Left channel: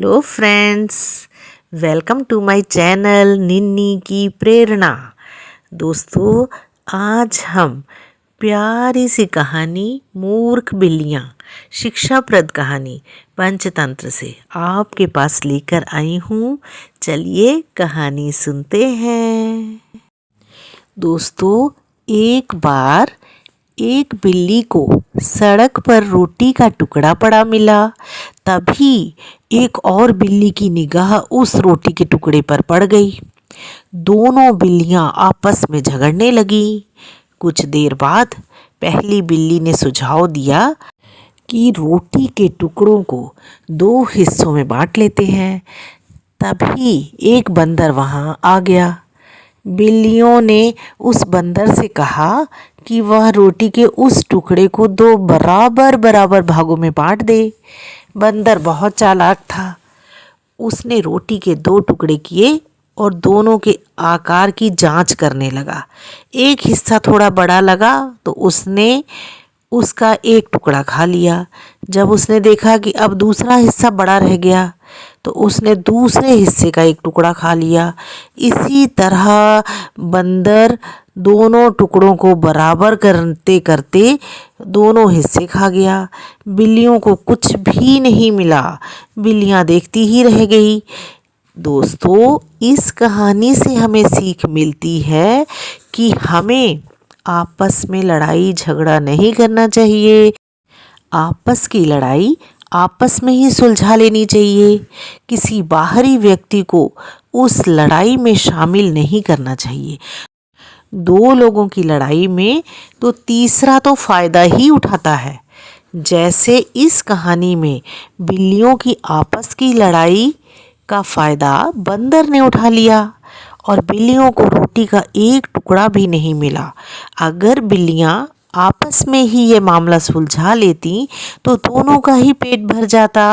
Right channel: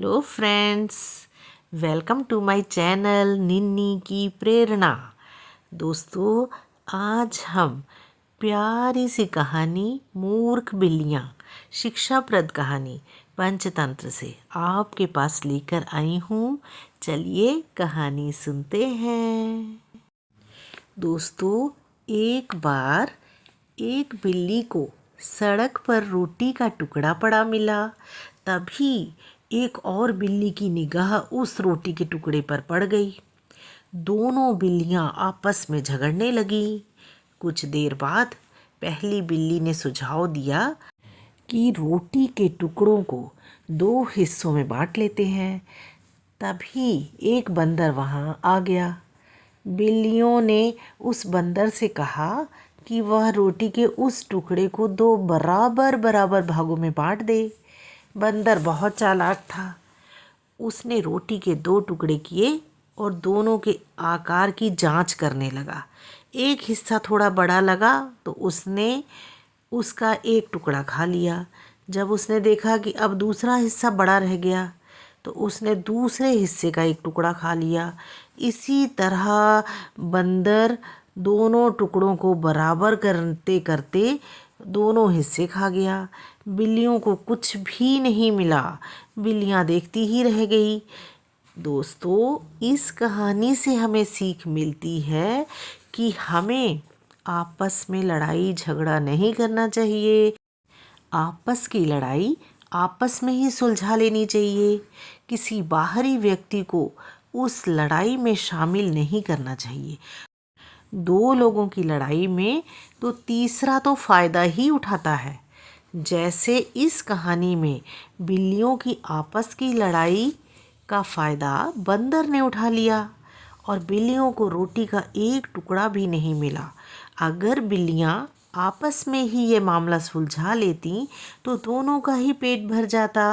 Hello friends, welcome to my channel Ninni की प्रेरणा। दोस्तों, आज हम प्यारी सी कहानी मूर्ख बिल्लियाँ शिक्षाप्रद कहानी पंचतंत्र से आपके पास लेकर आई हूँ। चलिए कहानी सुनते हैं। दोस्तों, एक बार एक बिल्ली को सड़क पर रोटी का टुकड़ा पड़ा मिला। तभी एक और बिल्ली की निगाह उस रोटी के टुकड़े पर पड़ गई। दोनों बिल्लियां आपस में झगड़ने लगी। कुछ देर बाद पहली बिल्ली ने सुझाव दिया कि रोटी के टुकड़ों को दो हिस्सों में बांट लेते हैं। तभी एक बंदर वहां आ गया। बिल्लियों ने उस बंदर से कहा कि वह रोटी के उस टुकड़े को दो बराबर बराबर भागों में बांट दे। बंदर बहुत चालाक था। उसने रोटी के दो टुकड़े किए और दोनों के आकार की जांच करने लगा। एक हिस्सा थोड़ा बड़ा लगा तो उसने उसका एक टुकड़ा खा लिया। जब उसने देखा कि अब दूसरा हिस्सा बड़ा रह गया तो उसने दूसरे हिस्से का एक टुकड़ा खा लिया। इसी तरह बंदर दोनों टुकड़ों को बराबर करते करते दोनों हिस्से खा गया। बिल्लियों को कुछ भी नहीं मिला। बिल्लियां देखती ही रह गई। दोस्तों, इस कहानी से हमें सीख मिलती है कि हमें आपस में लड़ाई झगड़ा नहीं करना चाहिए। आपस की लड़ाई आपस में ही सुलझा लेनी चाहिए। किसी बाहरी व्यक्ति को उस लड़ाई में शामिल नहीं करना चाहिए। दो लोगों की लड़ाई में तो तीसरा तो फायदा ही उठाता है। जैसे इस कहानी में बिल्लियों की आपस की लड़ाई का फायदा बंदर ने उठा लिया और बिल्लियों को रोटी का एक टुकड़ा भी नहीं मिला। अगर बिल्लियां आपस में ही ये मामला सुलझा लेती तो दोनों का ही पेट भर जाता।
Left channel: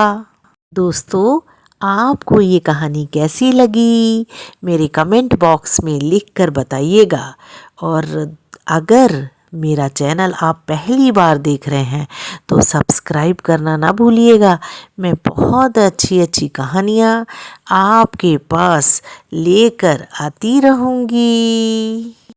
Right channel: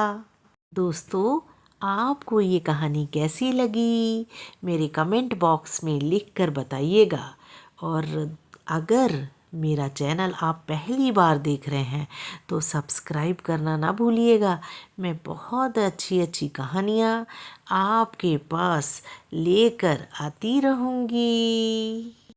दोस्तों, आपको ये कहानी कैसी लगी मेरे कमेंट बॉक्स में लिख कर बताइएगा। और अगर मेरा चैनल आप पहली बार देख रहे हैं तो सब्सक्राइब करना ना भूलिएगा। मैं बहुत अच्छी अच्छी कहानियाँ आपके पास लेकर आती रहूँगी।